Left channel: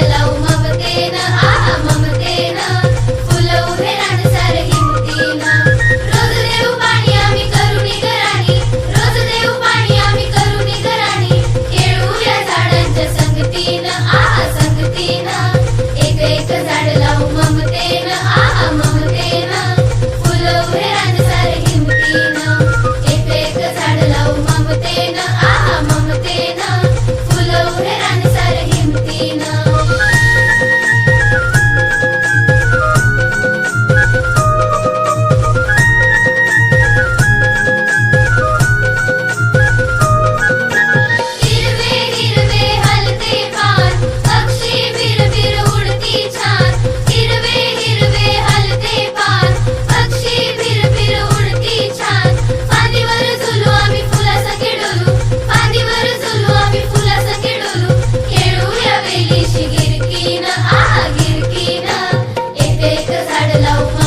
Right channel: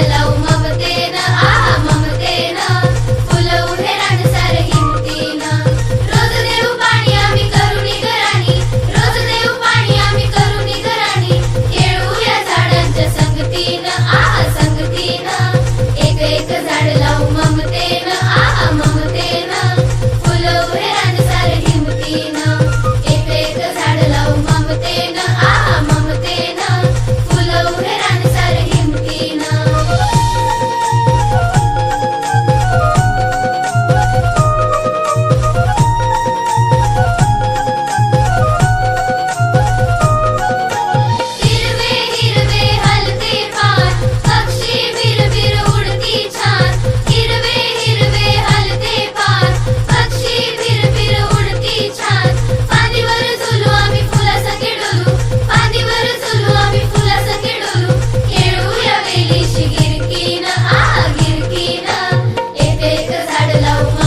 भरलाव ममतेन आ ममतेन फुलं उभे रानसार हिमतीन रोज देऊ पाणी आम्ही करुणी घराणी रोज देऊ पाणी आम्ही करुणी घराणी या झाडांच्या संगतीन आ संगतीन एक एक झाड लावू ममतेन आ ममतेन the love